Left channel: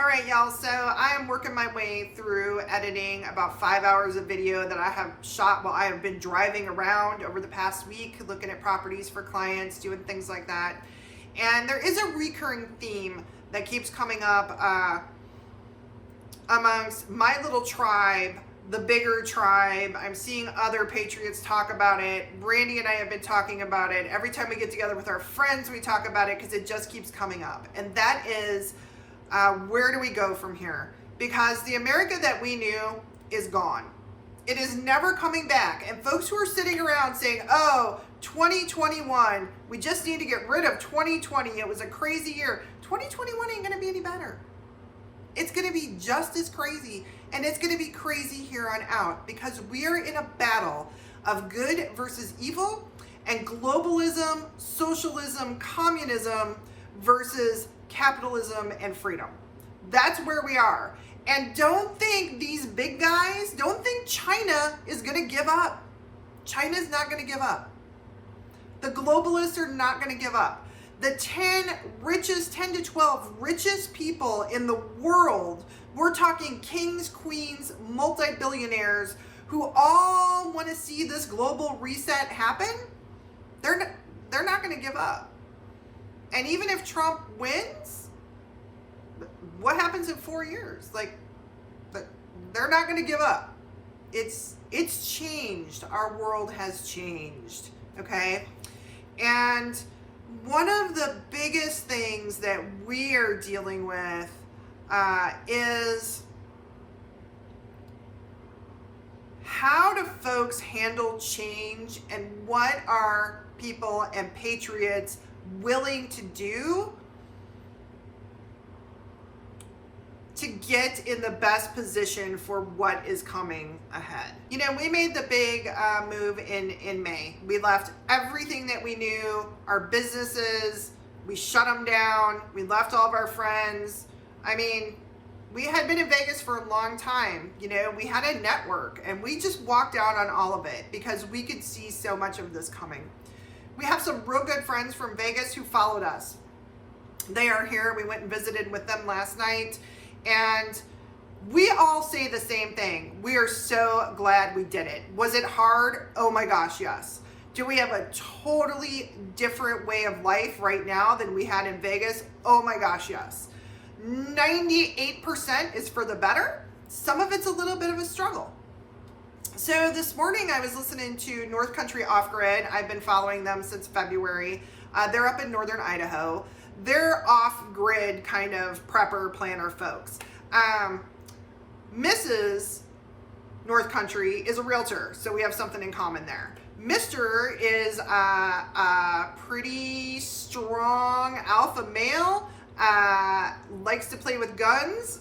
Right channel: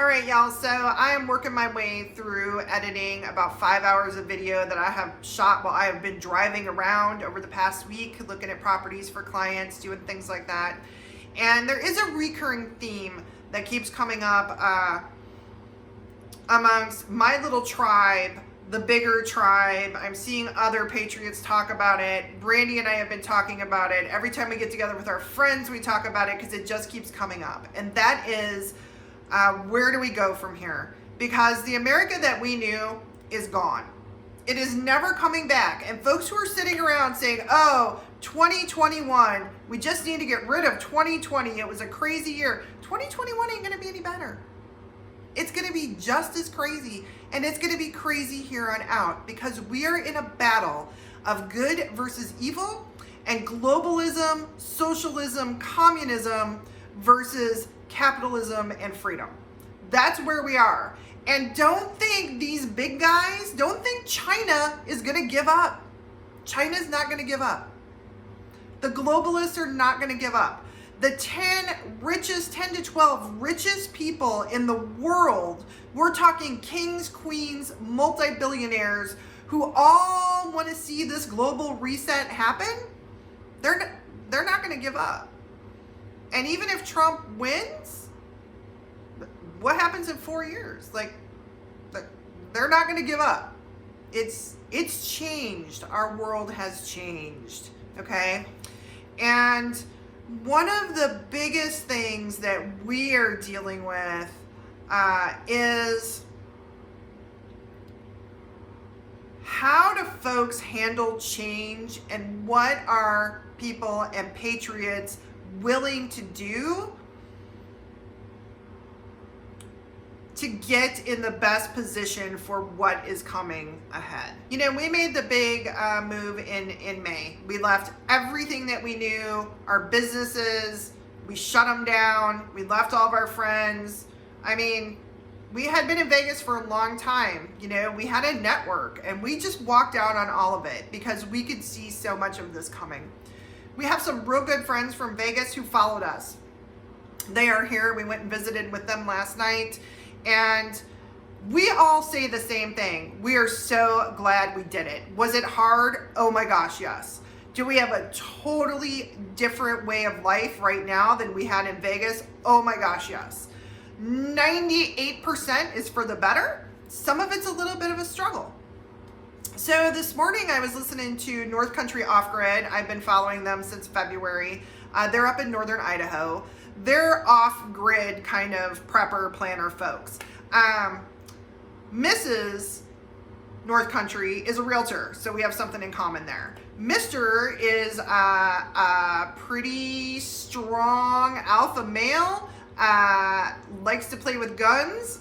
All right, y'all, so I am working my way through editing about 5 hours of video that I have shot while I have been driving around over the past week, looking at properties for clients, doing things like that. And there is a recurring theme that keeps coming up amongst my little tribe, the bigger tribe. I'm seeing other patriots talk about it. Brandy and I have been talking about it. Every time we get together with our friends, we talk about it because it just keeps coming up. And that is, where do we go from here? Because the America that we knew is gone. It is never coming back. And folks who are sitting around saying, oh, 2021, we just need to get rid of 2020. It was a crazy year. 2021 ain't going to be any better. It's going to be just as crazy, and it's going to be crazy here on out because we are in a battle of good versus evil and globalism, socialism, communism versus capitalism and freedom. That's where we are. And don't think these big guys, don't think China is going to give up. China's not going to give up. The globalists are not going to give up. The 10 to 12 richest people in the world, we're talking kings, queens, multi-billionaires who all want to see this global reset happen, they're not going to give up. And even if Trump wins, what happens in 4 years? Like, they're not going to give up. It's changed. Our world has changed, okay? And one of the biggest things that we are dealing with is how do folks handle change, and what are people and patriots willing to do to get in the best position for what is coming ahead. You know, we made the big move in May. We left everything that we knew, our businesses, we shut them down, we left all of our friends. I mean, we had been in Vegas for a long time. You know, we had a network and we just walked out on all of it because we could see so much of this coming. We have some real good friends from Vegas who followed us. They are here. We went and visited with them last night. And we all say the same thing. We are so glad we did it. Was it hard? Oh my gosh, yes. Do we have a totally different way of life right now than we had in Vegas? Oh my gosh, yes. 98% is for the better. Some of it's a little bit of a struggle. So this morning I was listening to North Country Off Grid. I've been following them since February. They're up in northern Idaho. They're off-grid kind of prepper planner folks. Mrs. North Country is a realtor, so we have something in common there. Mr. is a pretty strong alpha male, likes to play with guns,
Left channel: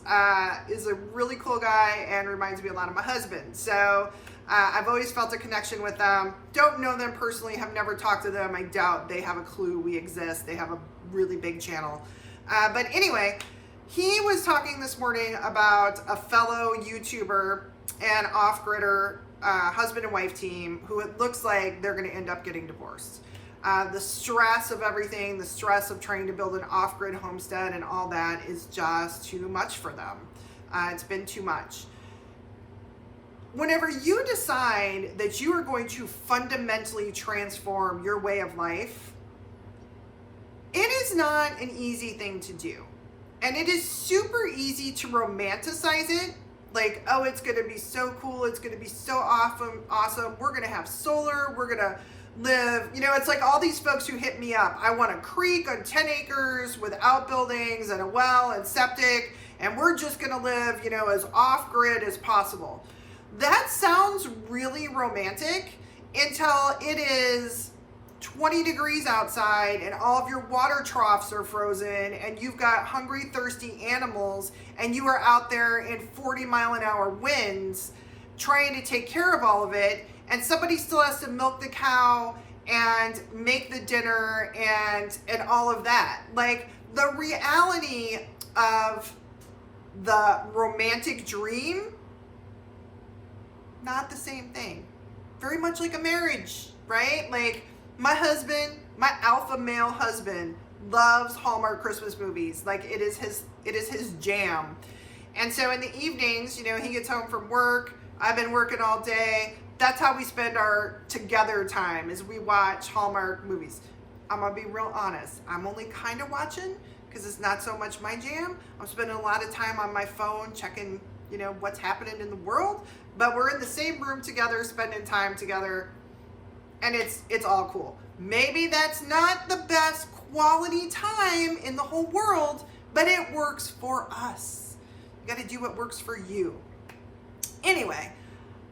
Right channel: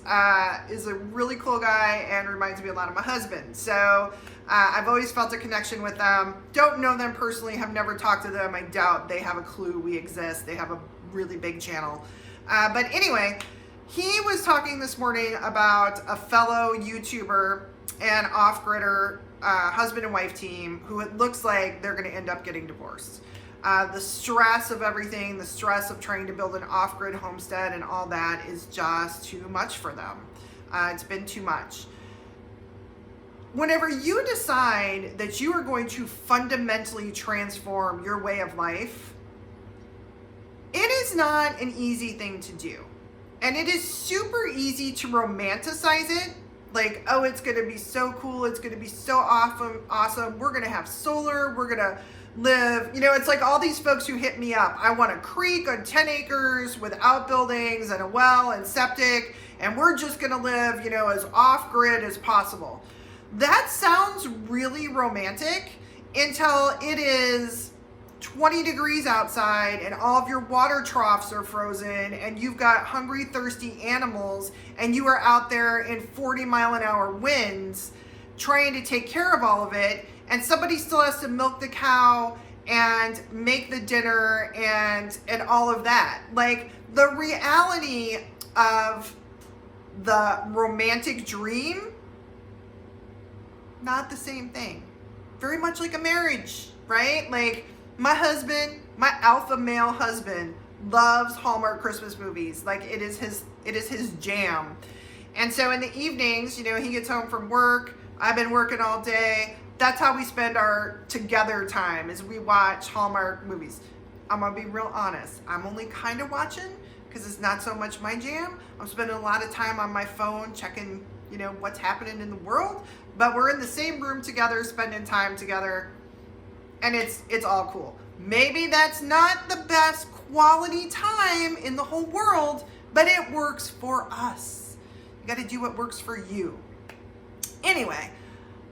is a really cool guy, and reminds me a lot of my husband. So I've always felt a connection with them. Don't know them personally, have never talked to them. I doubt they have a clue we exist. They have a really big channel. But anyway, he was talking this morning about a fellow YouTuber and off-gridder husband and wife team who it looks like they're going to end up getting divorced. The stress of everything, the stress of trying to build an off-grid homestead and all that is just too much for them. It's been too much. Whenever you decide that you are going to fundamentally transform your way of life, it is not an easy thing to do. And it is super easy to romanticize it. Like, oh, it's going to be so cool. It's going to be so awesome. We're going to have solar. We're going to live. You know, it's like all these folks who hit me up. I want a creek on 10 acres with outbuildings and a well and septic. And we're just going to live, you know, as off-grid as possible. That sounds really romantic until it is 20 degrees outside and all of your water troughs are frozen and you've got hungry, thirsty animals and you are out there in 40-mile-an-hour winds trying to take care of all of it, and somebody still has to milk the cow and make the dinner and all of that. Like, the reality of the romantic dream, not the same thing. Very much like a marriage, right? Like, my husband, my alpha male husband, loves Hallmark Christmas movies. Like it is his jam. And so in the evenings, you know, he gets home from work. I've been working all day. That's how we spend our together time, is we watch Hallmark movies. I'm gonna be real honest. I'm only kind of watching because it's not so much my jam. I'm spending a lot of time on my phone checking, you know, what's happening in the world. But we're in the same room together, spending time together, and it's all cool. Maybe that's not the best quality time in the whole world, but it works for us. You got to do what works for you. Anyway,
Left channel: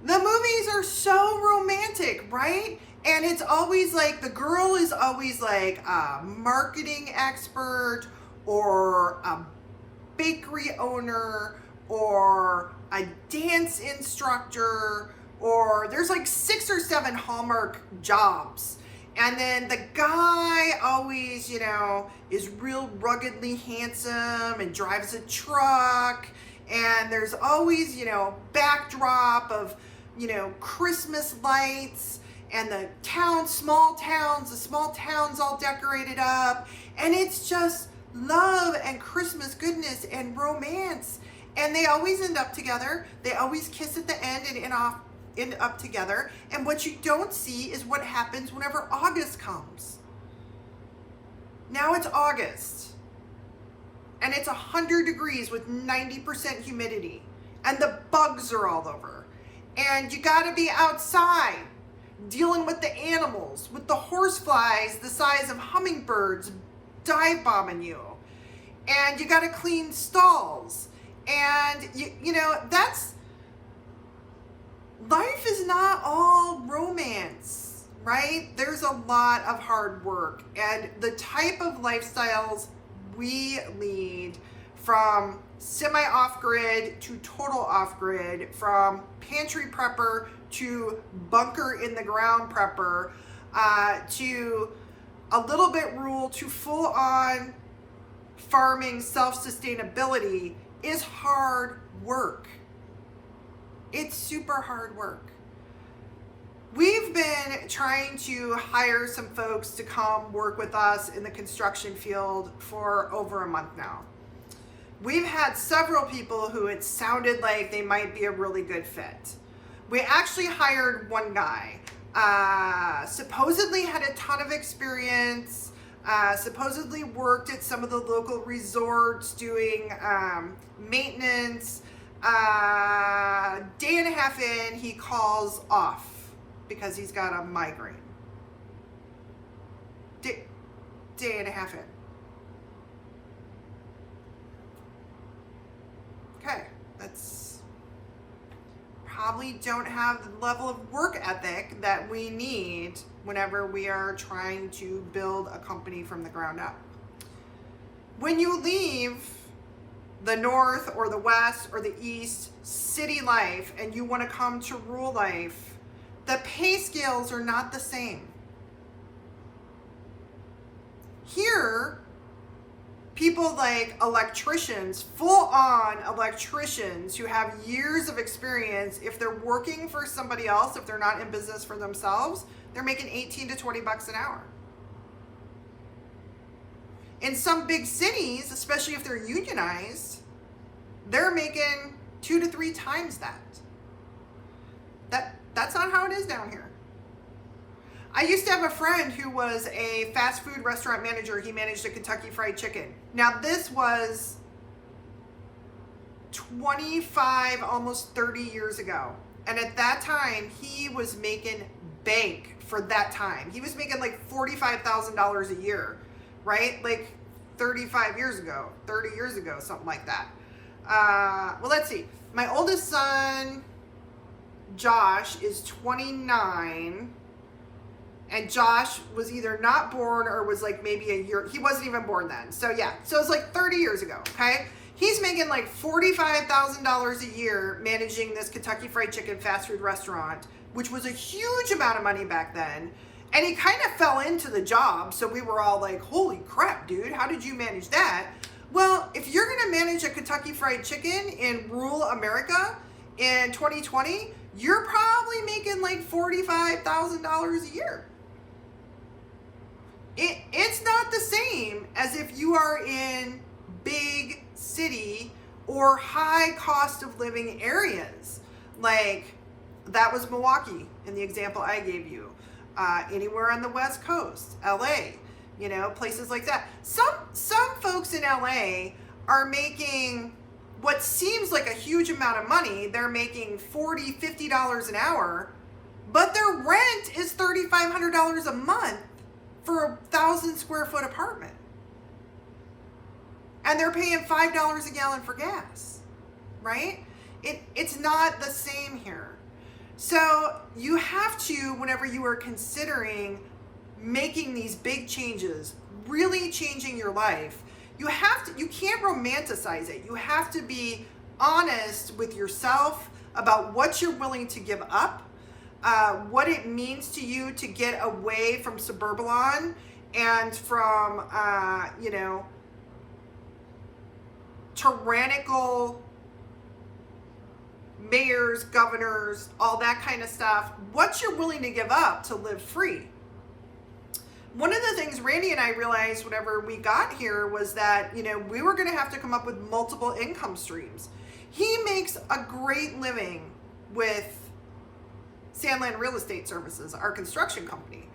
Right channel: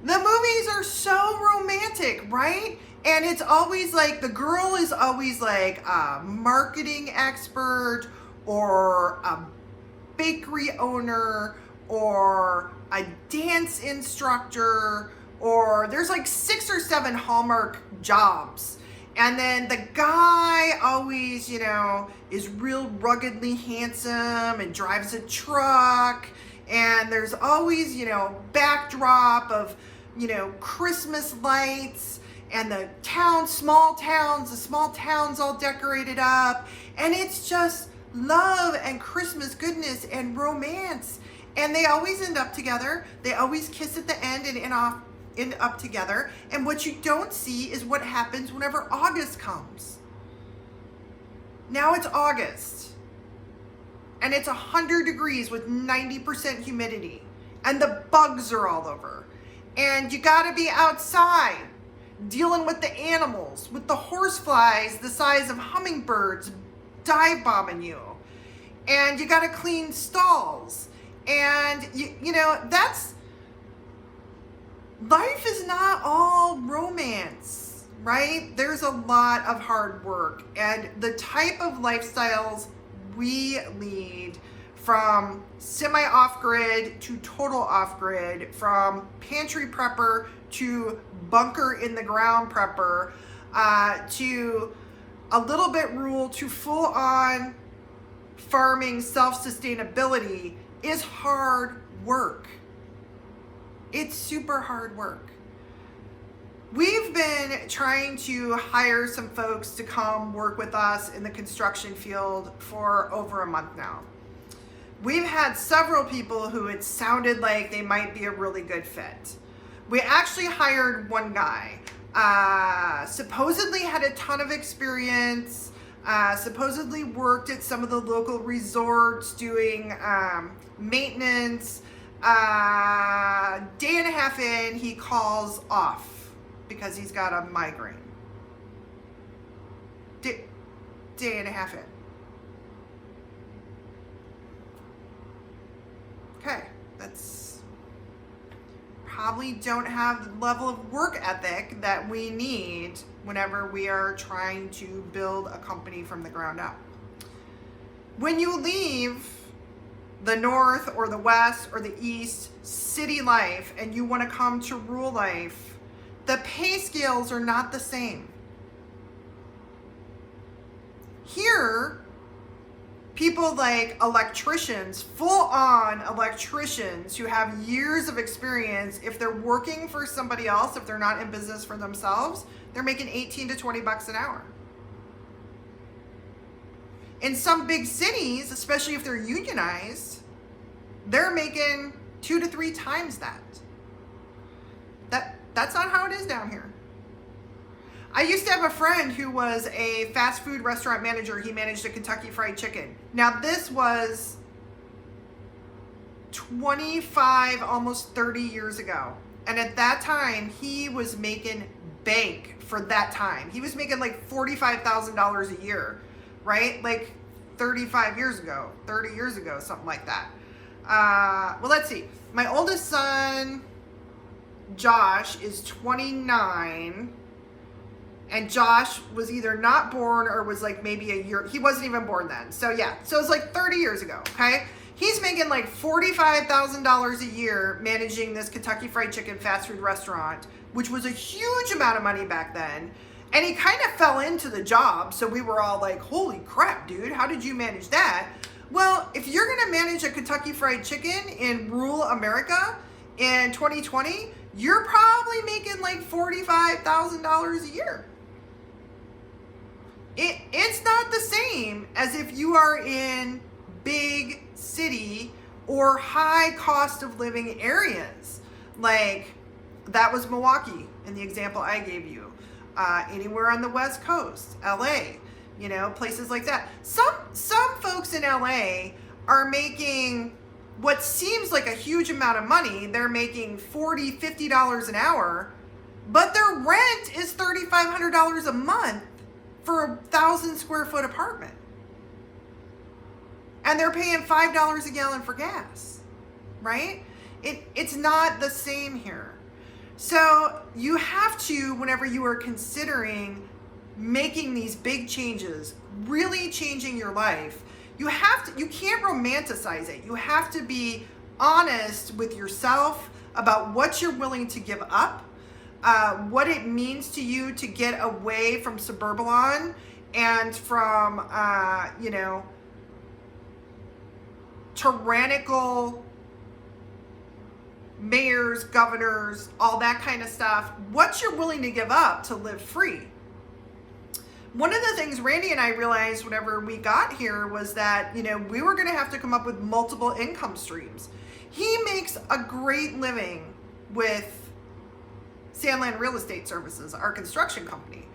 the movies are so romantic, right? And it's always like the girl is always like a marketing expert or a bakery owner or a dance instructor, or there's like 6 or 7 Hallmark jobs. And then the guy always, you know, is real ruggedly handsome and drives a truck. And there's always, you know, backdrop of, you know, Christmas lights and the small towns all decorated up. And it's just love and Christmas goodness and romance. And they always end up together. They always kiss at the end and end up together. And what you don't see is what happens whenever August comes. Now it's August. And it's 100 degrees with 90% humidity. And the bugs are all over. And you gotta be outside dealing with the animals, with the horseflies the size of hummingbirds dive bombing you. And you gotta clean stalls. And you know, life is not all romance, right? There's a lot of hard work, and the type of lifestyles we lead, from semi off-grid to total off-grid, from pantry prepper to bunker in the ground prepper, to a little bit rural to full on farming self-sustainability, is hard work. It's super hard work. We've been trying to hire some folks to come work with us in the construction field for over a month now. We've had several people who it sounded like they might be a really good fit. We actually hired one guy, supposedly had a ton of experience, supposedly worked at some of the local resorts doing maintenance. Day and a half in, he calls off because he's got a migraine. Day and a half in. Okay, that's probably don't have the level of work ethic that we need whenever we are trying to build a company from the ground up. When you leave the north or the west or the east city life and you want to come to rural life, the pay scales are not the same. Here, people like electricians, full-on electricians who have years of experience, if they're working for somebody else, if they're not in business for themselves, they're making 18 to 20 bucks an hour. In some big cities, especially if they're unionized, they're making 2 to 3 times that. That's not how it is down here. I used to have a friend who was a fast food restaurant manager. He managed a Kentucky Fried Chicken. Now this was 25, almost 30 years ago. And at that time, he was making bank for that time. He was making like $45,000 a year, right? Like 35 years ago, 30 years ago, something like that. Well, let's see. My oldest son, Josh, is 29. And Josh was either not born or was like maybe a year. He wasn't even born then. So yeah, so it's like 30 years ago, okay? He's making like $45,000 a year managing this Kentucky Fried Chicken fast food restaurant, which was a huge amount of money back then. And he kind of fell into the job. So we were all like, holy crap, dude, how did you manage that? Well, if you're gonna manage a Kentucky Fried Chicken in rural America in 2020, you're probably making like $45,000 a year. It's not the same as if you are in big city or high cost of living areas. Like that was Milwaukee in the example I gave you. Anywhere on the West Coast, LA, places like that. Some folks in LA are making what seems like a huge amount of money. They're making $40, $50 an hour, but their rent is $3,500 a month for a 1,000 square foot apartment. And they're paying $5 a gallon for gas, right? It's not the same here. So you have to, whenever you are considering making these big changes, really changing your life, you can't romanticize it. You have to be honest with yourself about what you're willing to give up, what it means to you to get away from suburban and from, tyrannical mayors, governors, all that kind of stuff, what you're willing to give up to live free. One of the things Randy and I realized whenever we got here was that, we were going to have to come up with multiple income streams. He makes a great living with Sandland Real Estate Services, our construction company.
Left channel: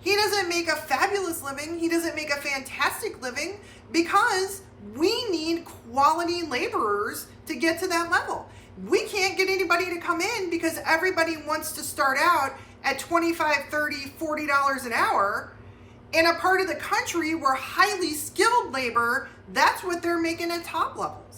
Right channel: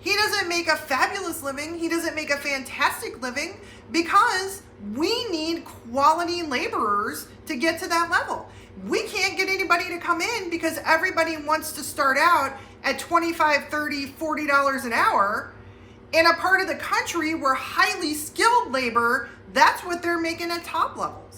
He doesn't make a fabulous living. He doesn't make a fantastic living because we need quality laborers to get to that level. We can't get anybody to come in because everybody wants to start out at $25, $30, $40 an hour in a part of the country where highly skilled labor, that's what they're making at top levels.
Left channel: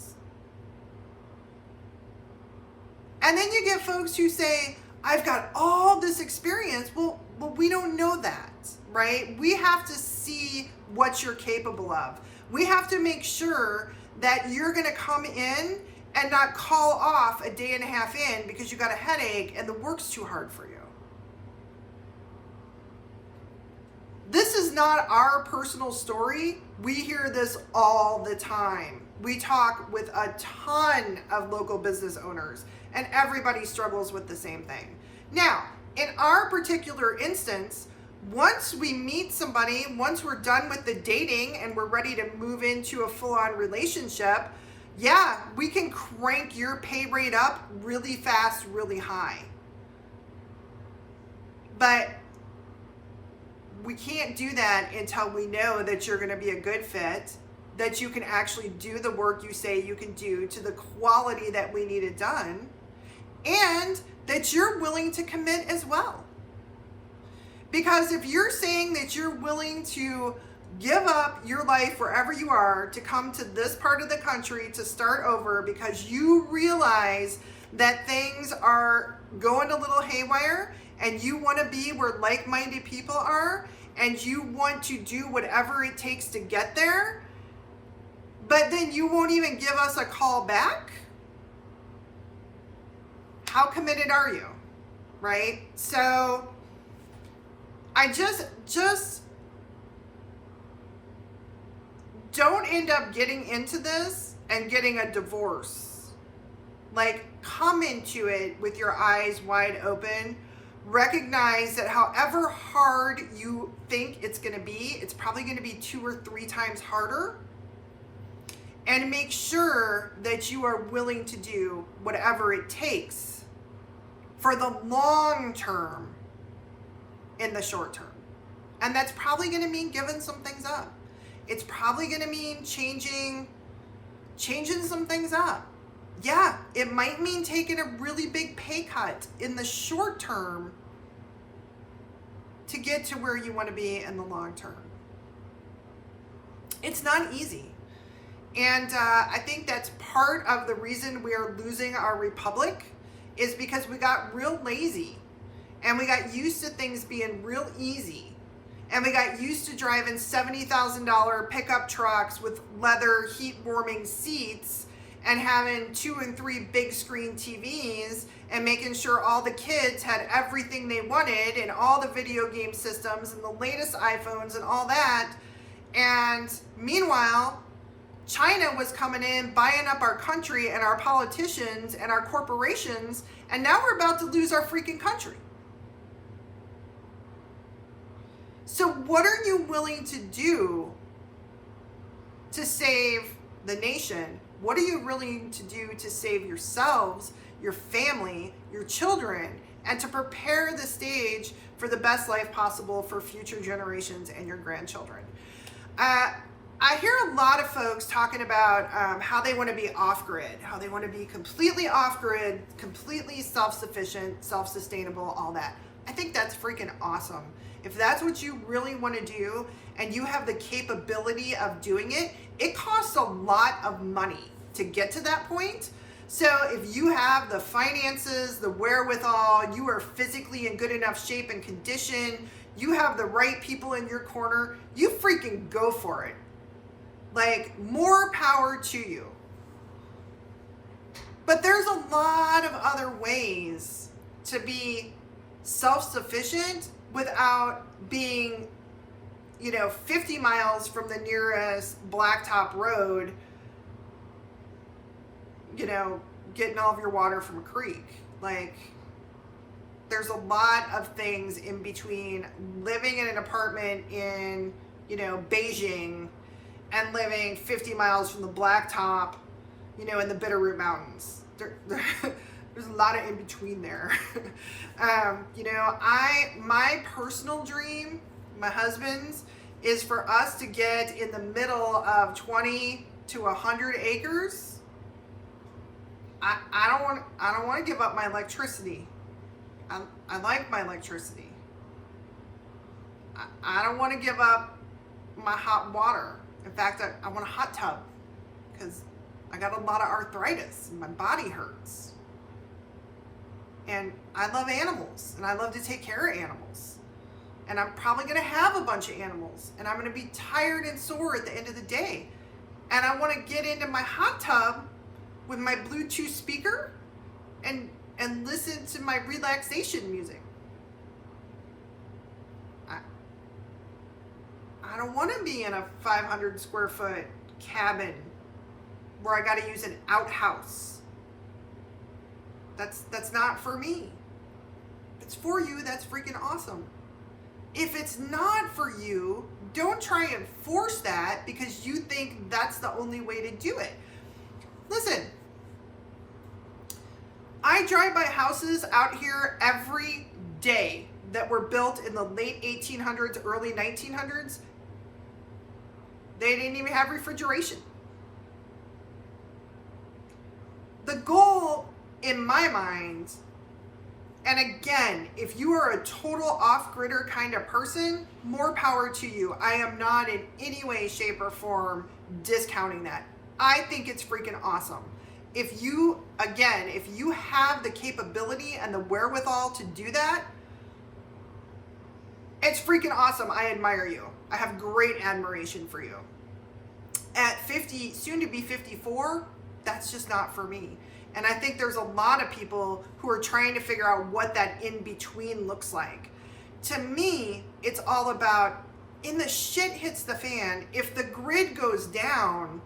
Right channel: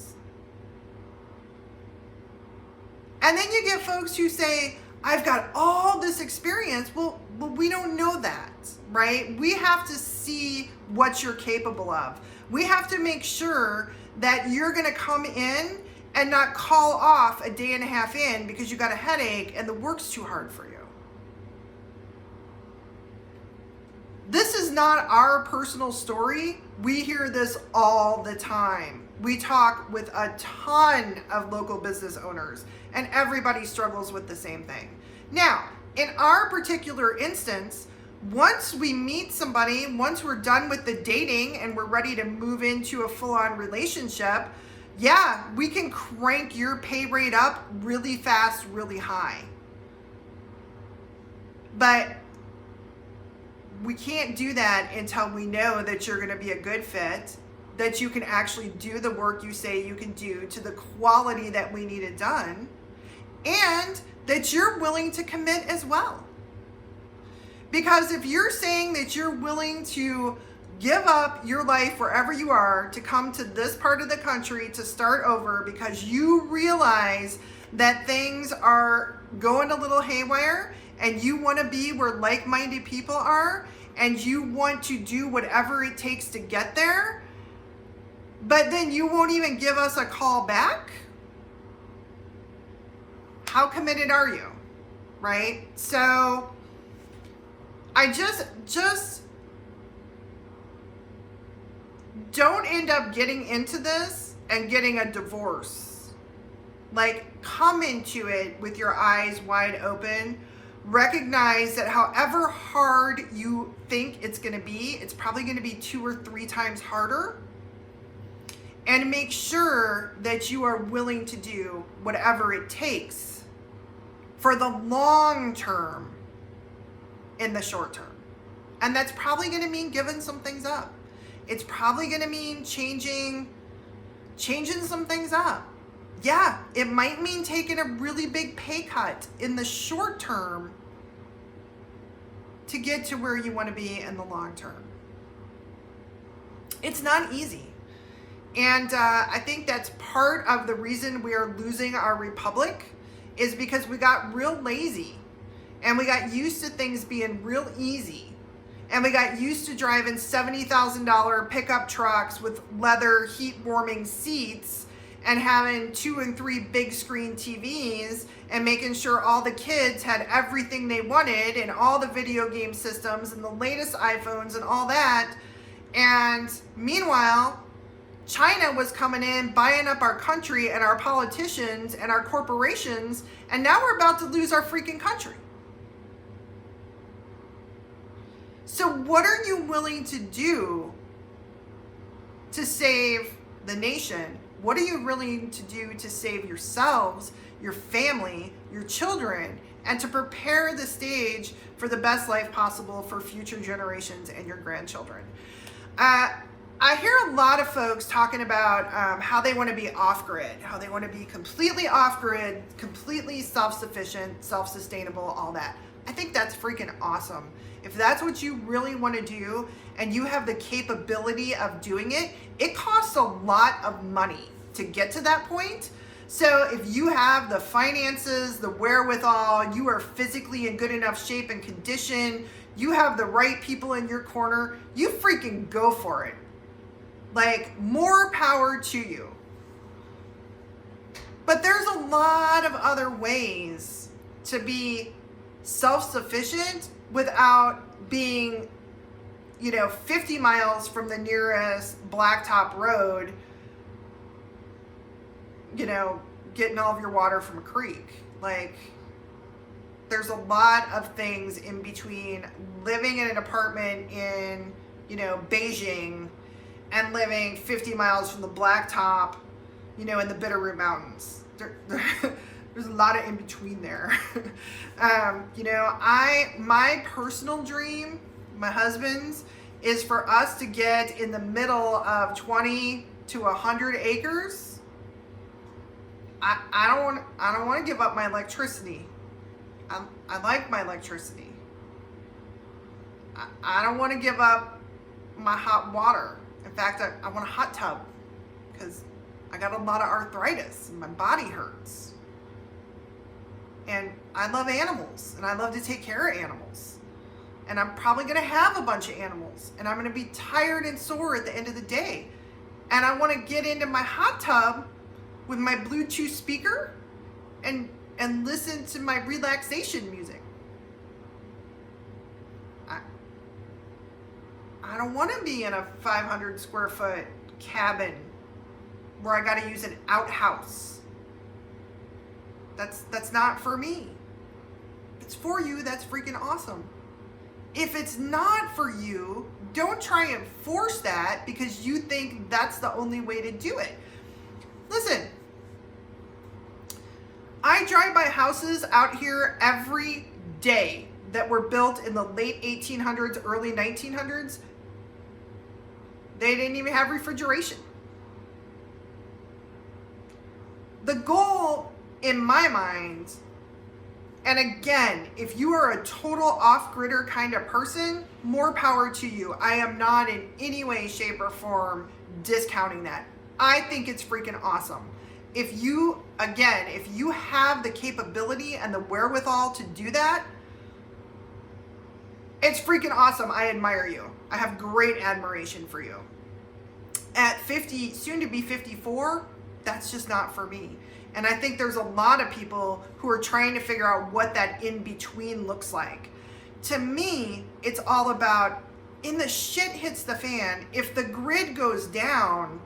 And then you get folks who say, I've got all this experience. Well, we don't know that, right? We have to see what you're capable of. We have to make sure that you're going to come in and not call off a day and a half in because you got a headache and the work's too hard for you. This is not our personal story. We hear this all the time. We talk with a ton of local business owners and everybody struggles with the same thing. Now, in our particular instance, once we meet somebody, once we're done with the dating and we're ready to move into a full-on relationship, yeah, we can crank your pay rate up really fast, really high. But we can't do that until we know that you're going to be a good fit, that you can actually do the work you say you can do to the quality that we need it done, and that you're willing to commit as well. Because if you're saying that you're willing to give up your life wherever you are to come to this part of the country to start over because you realize that things are going a little haywire and you want to be where like-minded people are and you want to do whatever it takes to get there, but then you won't even give us a call back, how committed are you, right? So I just don't end up getting into this and getting a divorce. Like, come into it with your eyes wide open. Recognize that however hard you think it's going to be, it's probably going to be 2 or 3 times harder. And make sure that you are willing to do whatever it takes for the long term in the short term. And that's probably going to mean giving some things up. It's probably going to mean changing some things up. Yeah, it might mean taking a really big pay cut in the short term to get to where you want to be in the long term. It's not easy. And I think that's part of the reason we are losing our republic is because we got real lazy and we got used to things being real easy. And we got used to driving $70,000 pickup trucks with leather heat warming seats and having 2 and 3 big screen TVs and making sure all the kids had everything they wanted and all the video game systems and the latest iPhones and all that. And meanwhile, China was coming in, buying up our country and our politicians and our corporations, and now we're about to lose our freaking country. So what are you willing to do to save the nation? What are you willing to do to save yourselves, your family, your children, and to prepare the stage for the best life possible for future generations and your grandchildren? I hear a lot of folks talking about how they want to be off-grid, how they want to be completely off-grid, completely self-sufficient, self-sustainable, all that. I think that's freaking awesome. If that's what you really want to do and you have the capability of doing it, it costs a lot of money to get to that point. So if you have the finances, the wherewithal, you are physically in good enough shape and condition, you have the right people in your corner, you freaking go for it. Like, more power to you. But there's a lot of other ways to be self-sufficient without being, 50 miles from the nearest blacktop road, getting all of your water from a creek. Like, there's a lot of things in between living in an apartment in, Beijing and living 50 miles from the blacktop, in the Bitterroot Mountains. There's a lot of in between there. My personal dream, my husband's, is for us to get in the middle of 20 to 100 acres. I don't want to give up my electricity. I like my electricity. I don't want to give up my hot water. In fact, I want a hot tub because I got a lot of arthritis and my body hurts. And I love animals and I love to take care of animals. And I'm probably going to have a bunch of animals and I'm going to be tired and sore at the end of the day. And I want to get into my hot tub with my Bluetooth speaker and listen to my relaxation music. I don't want to be in a 500 square foot cabin where I got to use an outhouse. That's not for me. If it's for you, that's freaking awesome. If it's not for you, don't try and force that because you think that's the only way to do it. Listen, I drive by houses out here every day that were built in the late 1800s, early 1900s. They didn't even have refrigeration. The goal in my mind, and again, if you are a total off-gridder kind of person, more power to you. I am not in any way, shape, or form discounting that. I think it's freaking awesome. If you have the capability and the wherewithal to do that, it's freaking awesome. I admire you. I have great admiration for you. At 50, soon to be 54, that's just not for me. And I think there's a lot of people who are trying to figure out what that in-between looks like. To me, it's all about, in the shit hits the fan, if the grid goes down,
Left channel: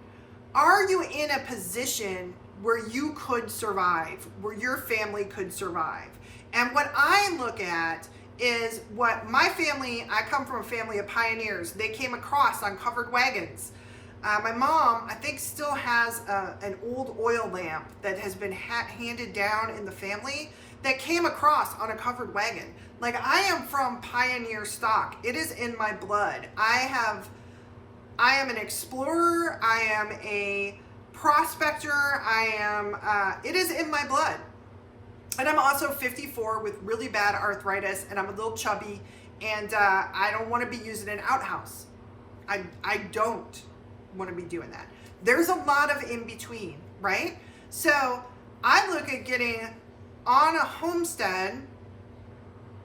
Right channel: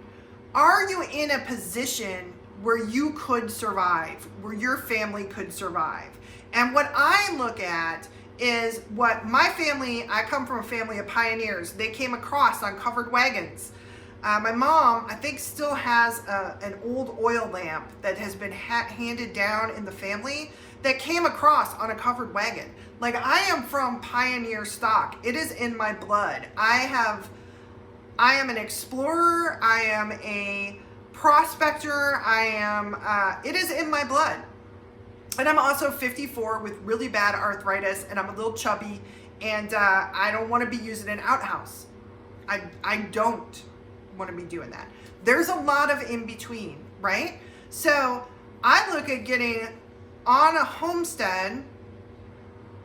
are you in a position where you could survive, where your family could survive? And what I look at is what my family, I come from a family of pioneers. They came across on covered wagons. My mom, I think, still has an old oil lamp that has been handed down in the family that came across on a covered wagon. Like, I am from pioneer stock. It is in my blood. I am an explorer. I am a prospector. It is in my blood. And I'm also 54 with really bad arthritis, and I'm a little chubby, and I don't want to be using an outhouse. I don't want to be doing that. There's a lot of in between, right? So I look at getting on a homestead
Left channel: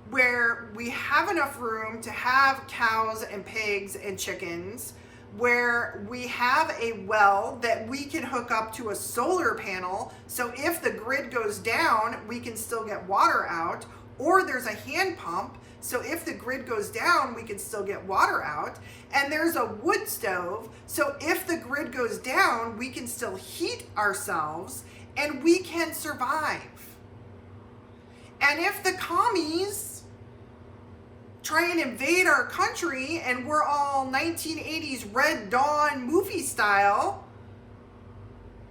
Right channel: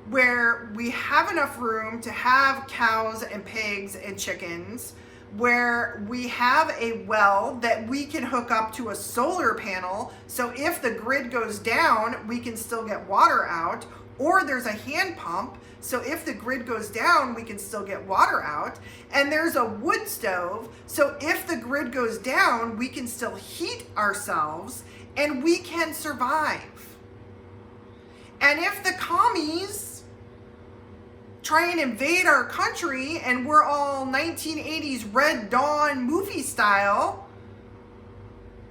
where we have enough room to have cows and pigs and chickens, where we have a well that we can hook up to a solar panel, so if the grid goes down, we can still get water out, or there's a hand pump, so if the grid goes down, we can still get water out, and there's a wood stove, so if the grid goes down, we can still heat ourselves, and we can survive. And if the commies try and invade our country and we're all 1980s Red Dawn movie style,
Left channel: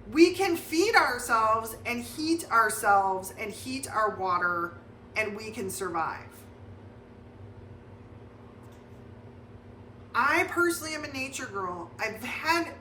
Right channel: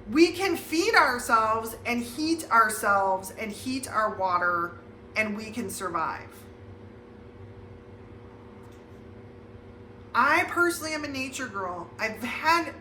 we can feed ourselves and heat our water, and we can survive. I personally am a nature girl. I've had,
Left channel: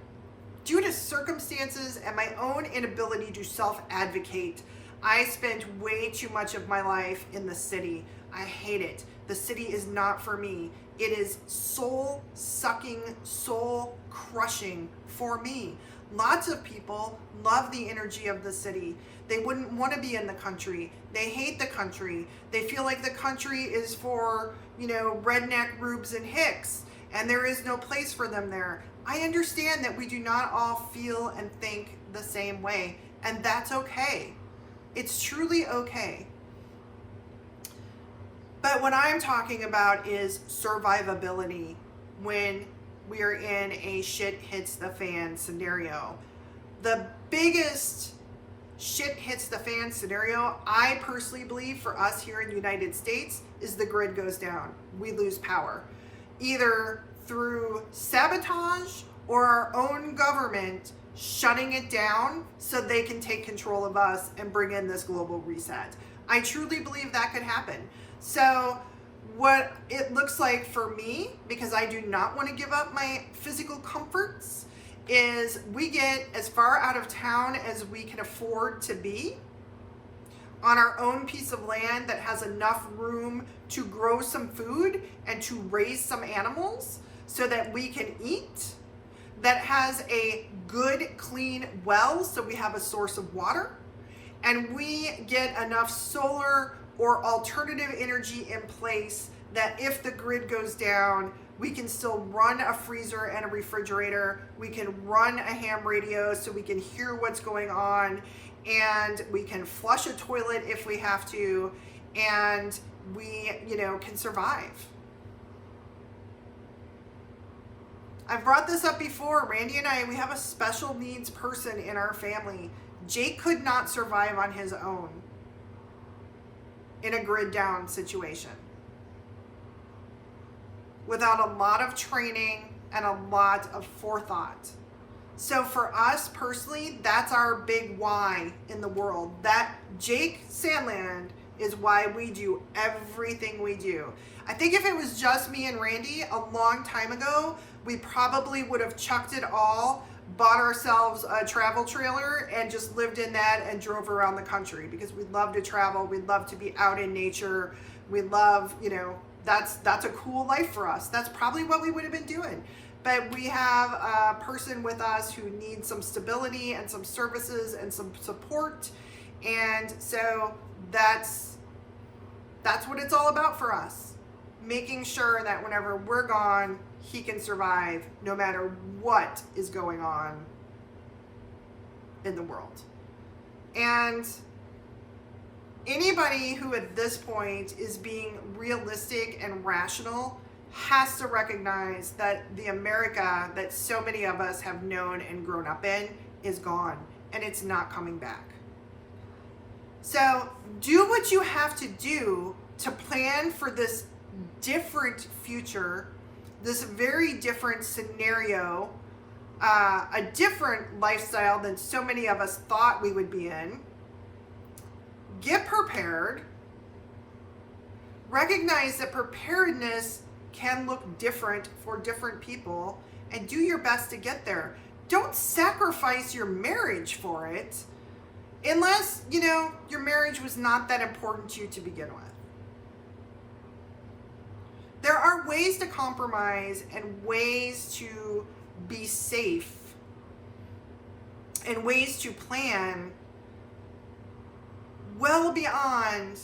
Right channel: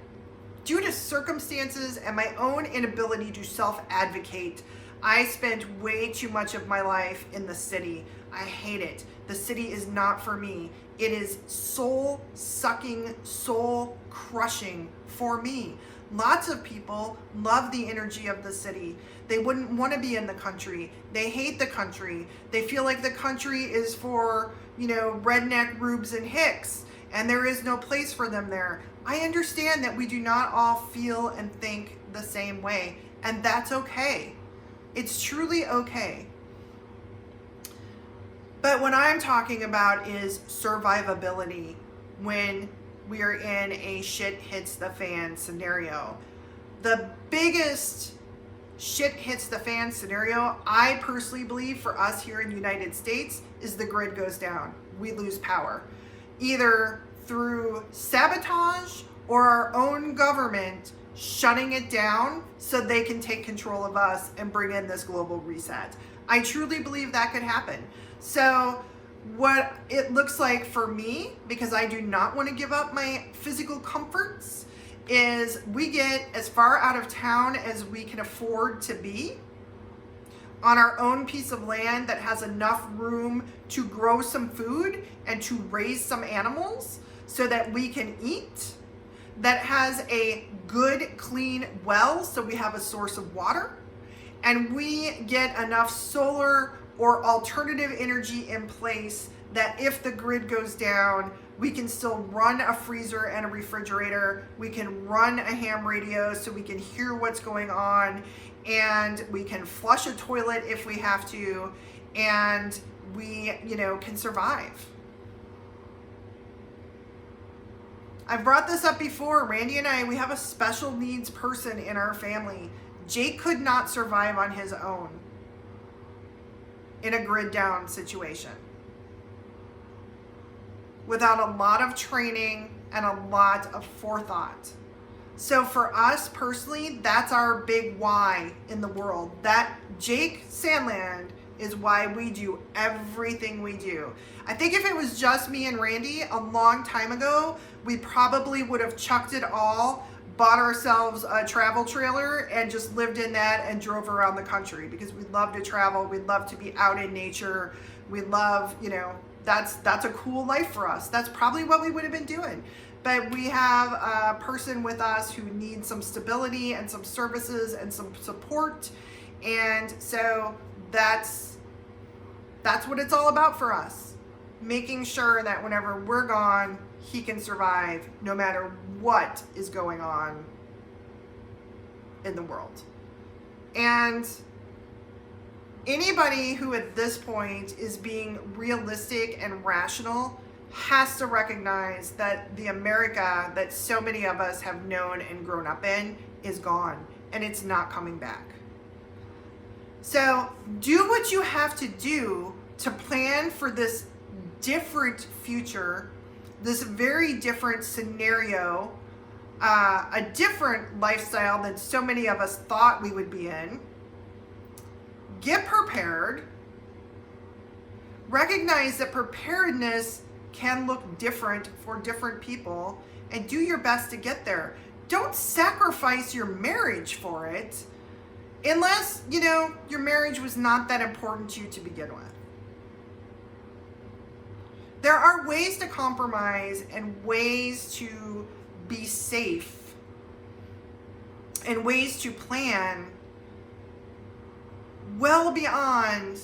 due to circumstances and my own inability to self-advocate, I spent way too much of my life in the city. I hate it. The city is not for me. It is soul-sucking, soul-crushing for me. Lots of people love the energy of the city. They wouldn't want to be in the country. They hate the country. They feel like the country is for, redneck rubes and hicks, and there is no place for them there. I understand that we do not all feel and think the same way, and that's okay. It's truly okay. But what I'm talking about is survivability when we are in a shit hits the fan scenario. The biggest shit hits the fan scenario, I personally believe, for us here in the United States, is the grid goes down. We lose power, either through sabotage or our own government shutting it down so they can take control of us and bring in this global reset. I truly believe that could happen. So what it looks like for me, because I do not want to give up my physical comforts, is we get as far out of town as we can afford to be on our own piece of land that has enough room to grow some food and to raise some animals so that we can eat, that has a good, clean well so we have a source of water, and we get enough solar or alternative energy in place that if the grid goes down, we can still run a freezer and a refrigerator. We can run a ham radio so we can hear what's going on, and we can flush a toilet if we have to, and we, can survive. I've brought this up before. Randy and I, we have a special needs person in our family. Jake could not survive on his own in a grid down situation without a lot of training and a lot of forethought. So for us personally, that's our big why in the world. That Jake Sandland is why we do everything we do. I think if it was just me and Randy a long time ago, we probably would have chucked it all, bought ourselves a travel trailer and just lived in that and drove around the country, because we love to travel. We love to be out in nature. We love, that's a cool life for us. That's probably what we would have been doing. But we have a person with us who needs some stability and some services and some support. And so that's what it's all about for us. Making sure that whenever we're gone, he can survive no matter what is going on in the world. And anybody who at this point is being realistic and rational has to recognize that the America that so many of us have known and grown up in is gone, and it's not coming back. So do what you have to do to plan for this different future, this very different scenario, a different lifestyle than so many of us thought we would be in. Get prepared. Recognize that preparedness can look different for different people, and do your best to get there. Don't sacrifice your marriage for it unless, your marriage was not that important to you to begin with. There are ways to compromise and ways to be safe and ways to plan well beyond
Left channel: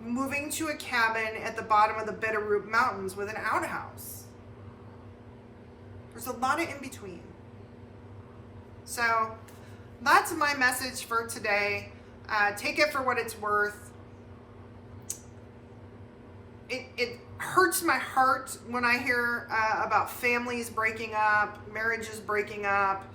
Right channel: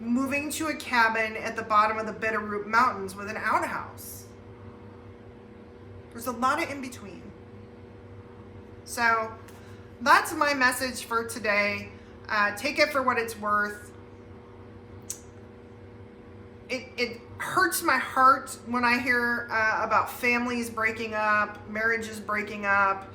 moving to a cabin at the bottom of the Bitterroot Mountains with an outhouse. There's a lot of in between. So that's my message for today. Take it for what it's worth. It hurts my heart when I hear about families breaking up, marriages breaking up,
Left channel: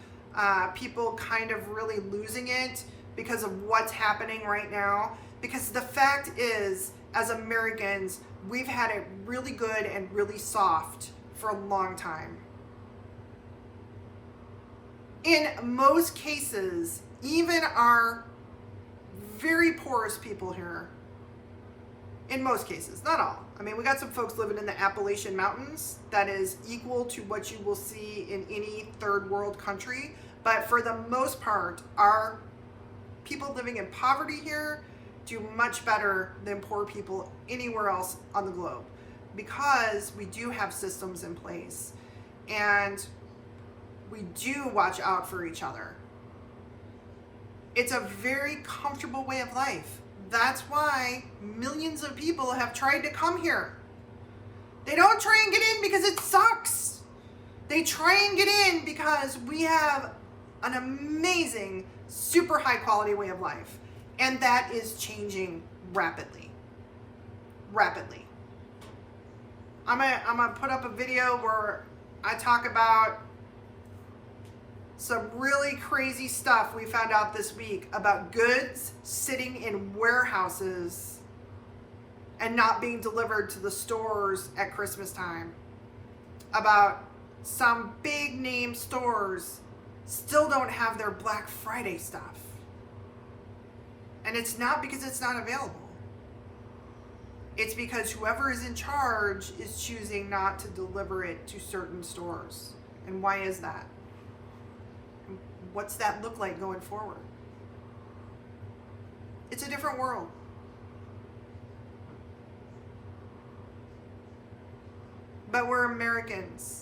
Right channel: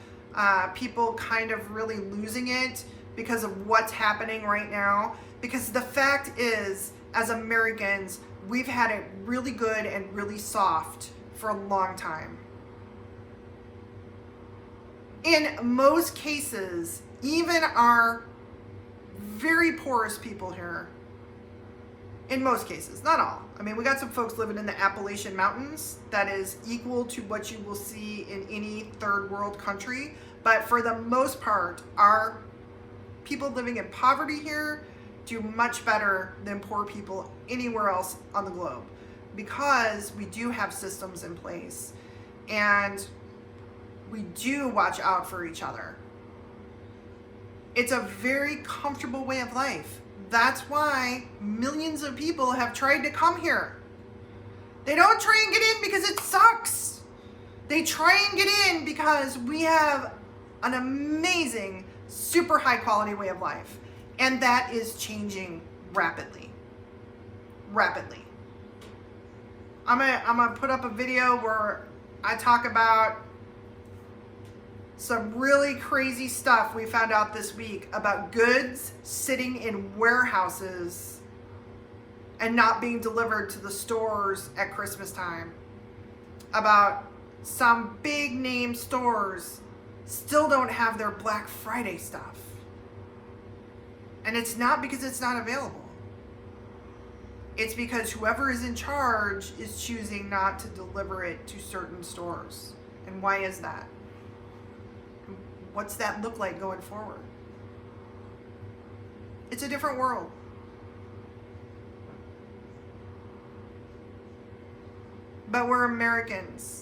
people kind of really losing it because of what's happening right now. Because the fact is, as Americans, we've had it really good and really soft for a long time. In most cases, even our very poorest people here, in most cases, not all. I mean, we got some folks living in the Appalachian Mountains that is equal to what you will see in any third world country. But for the most part, our people living in poverty here do much better than poor people anywhere else on the globe, because we do have systems in place and we do watch out for each other. It's a very comfortable way of life. That's why millions of people have tried to come here. They don't try and get in because it sucks. They try and get in because we have an amazing, super high quality way of life. And that is changing rapidly. Rapidly. I'm gonna put up a video where I talk about some really crazy stuff we found out this week about goods sitting in warehouses and not being delivered to the stores at Christmas time. About some big name stores still don't have their Black Friday stuff. And it's not because it's not available. It's because whoever is in charge is choosing not to deliver it to certain stores. And why is that? What's that look like going forward? It's a different world. But we're Americans,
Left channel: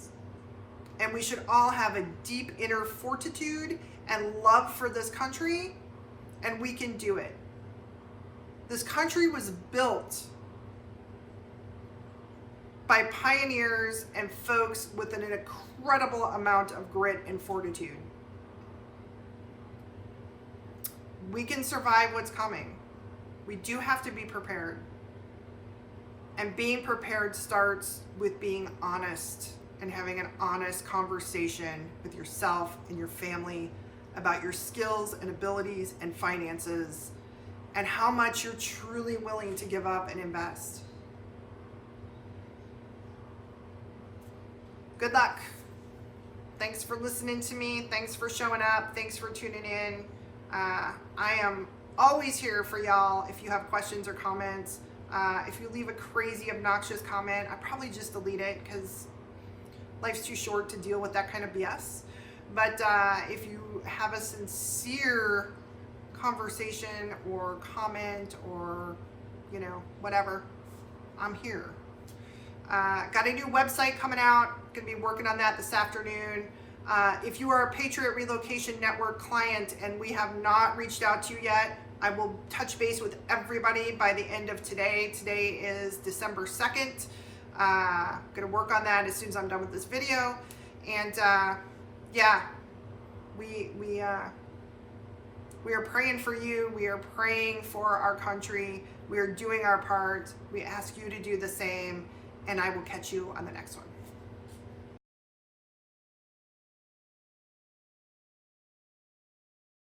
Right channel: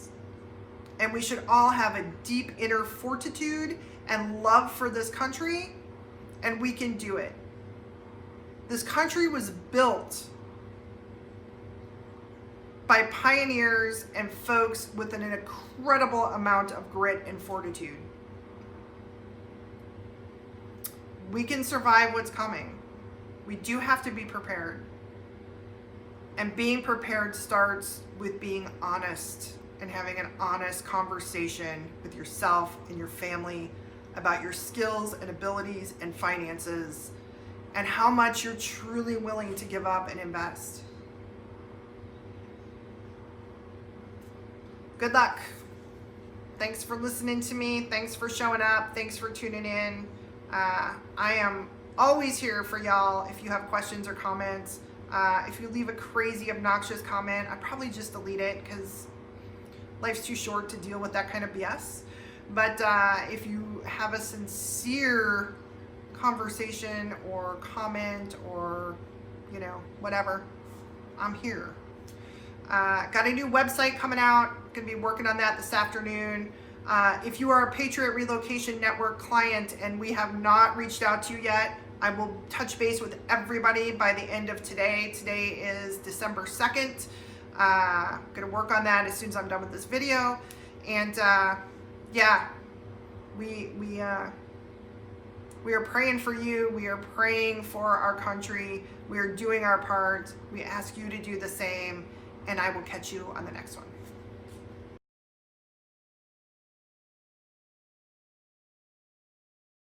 and we should all have a deep inner fortitude and love for this country, and we can do it. This country was built by pioneers and folks with an incredible amount of grit and fortitude. We can survive what's coming. We do have to be prepared. And being prepared starts with being honest and having an honest conversation with yourself and your family about your skills and abilities and finances and how much you're truly willing to give up and invest. Good luck. Thanks for listening to me. Thanks for showing up. Thanks for tuning in. I am always here for y'all if you have questions or comments. If you leave a crazy, obnoxious comment, I probably just delete it because life's too short to deal with that kind of BS. But if you have a sincere conversation or comment or, whatever, I'm here. Got a new website coming out. Gonna be working on that this afternoon. If you are a Patriot Relocation Network client and we have not reached out to you yet, I will touch base with everybody by the end of today. Today is December 2nd. Gonna work on that as soon as I'm done with this video. And yeah, we are praying for you. We are praying for our country. We are doing our part. We ask you to do the same. And I will catch you on the next one.